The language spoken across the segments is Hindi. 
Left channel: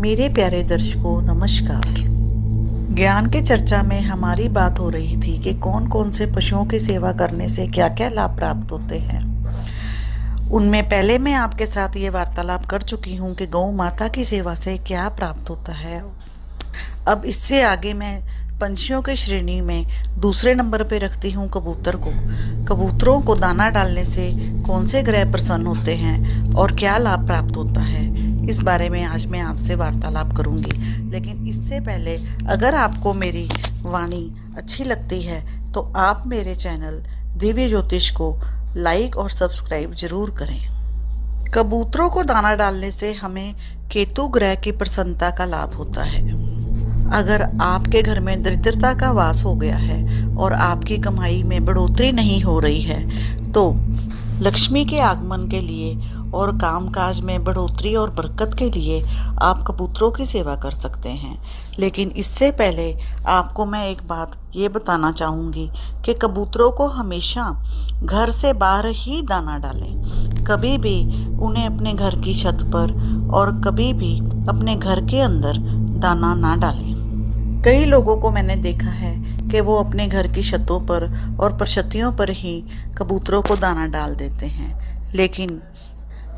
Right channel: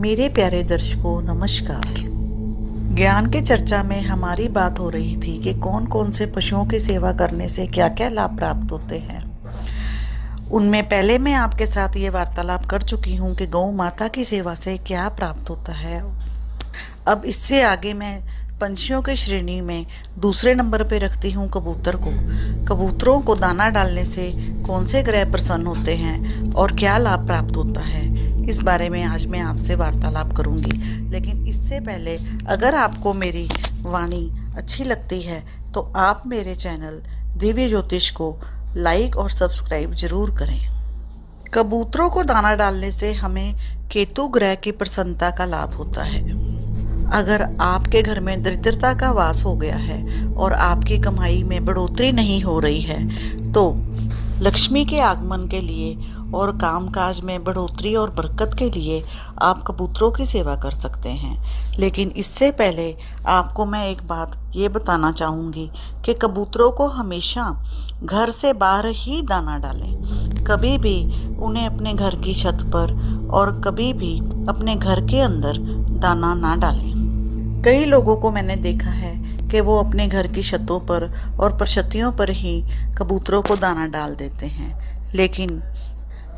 मेरे प्यारे दर्शकों नमस्कार। ज्ञान की चर्चा में हमारी बात हो रही थी कि कौन कौन से पशुओं की सेवा करने से क्या क्या लाभ प्राप्त होते हैं। उनमें पहले मैं आपके साथ ये वार्तालाप कर चुकी हूँ कि गौ माता की सेवा से क्या प्राप्त होता है। अब इससे आगे मैं पंछियों की श्रेणी में दूसरे नंबर पे रखती हूँ कबूतर को। कबूतरों को दाना डालने से कौन से ग्रह प्रसन्न होते हैं और क्या लाभ प्राप्त होता है, इस बारे में आज मैं आपसे वार्तालाप करूंगी। लेकिन इससे पहले अगर आपको मेरी वाणी अच्छी लगती है तो आप मेरे चैनल दिव्य ज्योतिष को लाइक और सब्सक्राइब जरूर करें। कबूतरों को दाना डालने से हमें केतु ग्रह की प्रसन्नता का लाभ होता है। अगर आपके घर में दरिद्रता का वास हो गया है और आपकी कमाई में बढ़ोतरी नहीं हो रही है तो लक्ष्मी के आगमन के लिए और कामकाज में बढ़ोतरी और बरकत के लिए आप कबूतरों की सेवा कर सकते हैं। लेकिन इससे पहले आपको मैं एक बात ये बताना चाहूँगी कि कबूतरों को हमेशा घर से बाहर ही दाना डालें। कभी भी उन्हें अपने घर की छत पर और कभी भी अपने घर के अंदर दाना ना डालें। कई लोगों को मैंने देखा है कि वो अपने घर की छतों पर और परछतियों पर ही कबूतरों को दाना डाल देते हैं, लेकिन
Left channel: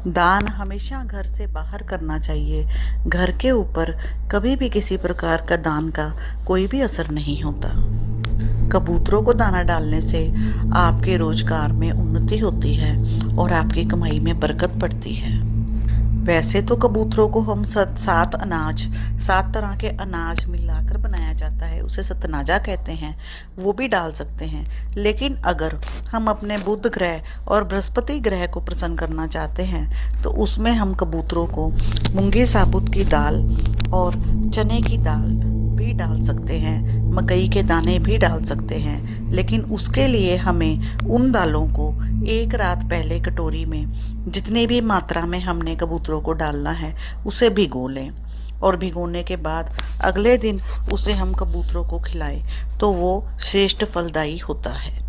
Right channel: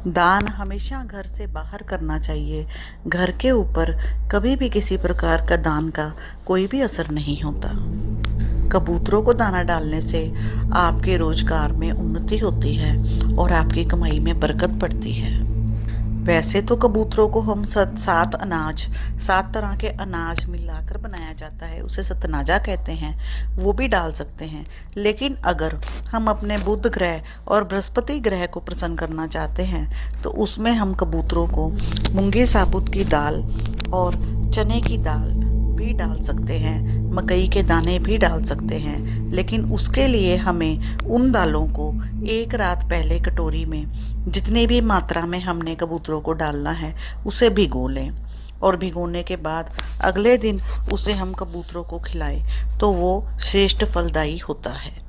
दान हमेशा घर से बाहर करना चाहिए। घर के ऊपर कभी भी किसी प्रकार का दान का कोई भी असर नहीं होता। कबूतरों को दाना डालने से आपके रोजगार में उन्नति होती है और आपकी कमाई में बरकत पड़ती है। वैसे तो कबूतरों को हम सात तरह के अनाज मिलाकर बनाया जाता है, उसे सतनाजा कहते हैं, वो भी डाल सकते हैं। लेकिन अगर हम अपने बुध ग्रह और बृहस्पति ग्रह को प्रसन्न करना चाहते हैं तो उसमें हम कबूतरों को मूंगी साबुत की दाल और चने की दाल भी डाल सकते हैं, मकई के दाने भी डाल सकते हैं। लेकिन उसके लिए हमें उन दालों को एक रात पहले कटोरी में जितनी भी मात्रा में हमने कबूतरों को डालना है उसे भिगो लें और भिगोने के बाद अगले दिन उसे हम कबूतरों को खिलाएं तो वो श्रेष्ठ फलदायी होता है।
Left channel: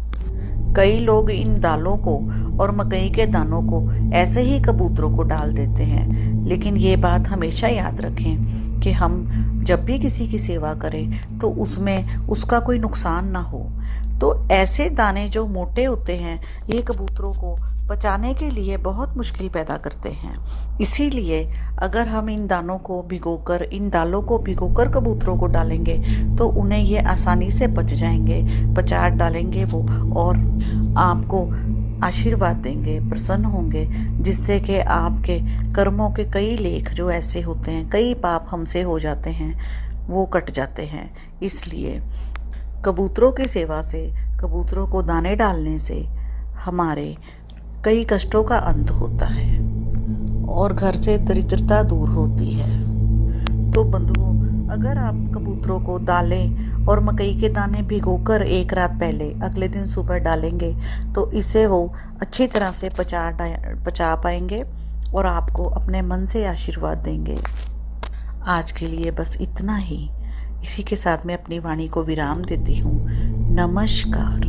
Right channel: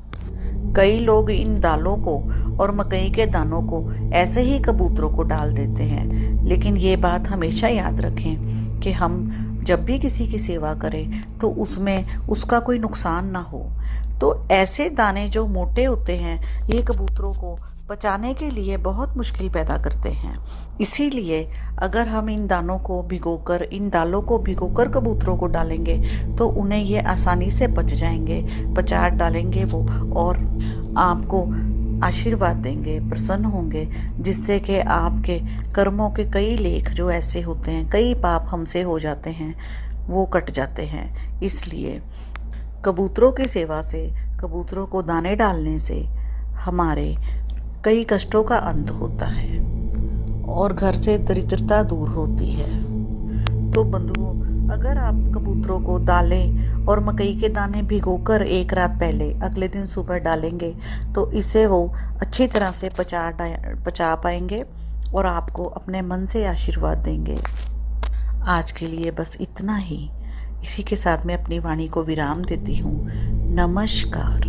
कई लोग इन दालों को और मकई के दानों को ऐसे ही कबूतरों को डाल देते हैं, लेकिन ये बात हमेशा याद रखें कि हम जब भी किसी की सेवा करें तो उसमें उसका कोई नुकसान ना हो। तो ऐसे दाने जो मोटे होते हैं ये कबूतरों को पचाने के लिए बहुत मुश्किल पैदा करते हैं। इसीलिए अगर हम इन दालों को भिगोकर कबूतरों को डालेंगे तो उन्हें ये आसानी से पच जाएंगे, पचा डालेंगे वो और आपको आशीर्वाद देंगे, प्रसन्न होंगे, जिससे कि आपके कर्मों के कई लेख जो ऐसे होते हैं, कई पाप हमसे हो जाते हैं, वो कट जाते हैं। इसलिए कबूतरों की सेवा से, कबूतरों को दाने डालने से हमारे कई कष्टों का अंत होता है और घर से दरिद्रता दूर होती है। तो बंधुओं, अगर आप कबूतरों को दालें और मकई के दाने भिगोकर एक रात पहले अगले दिन सुबह डालेंगे तो इसे वो अच्छी तरह से पचा पाएंगे और आपको अपने मन से आशीर्वाद देंगे। आज के लिए बस इतना ही। इसी के साथ मैं अपनी वाणी को विराम देती हूँ। नमस्कार।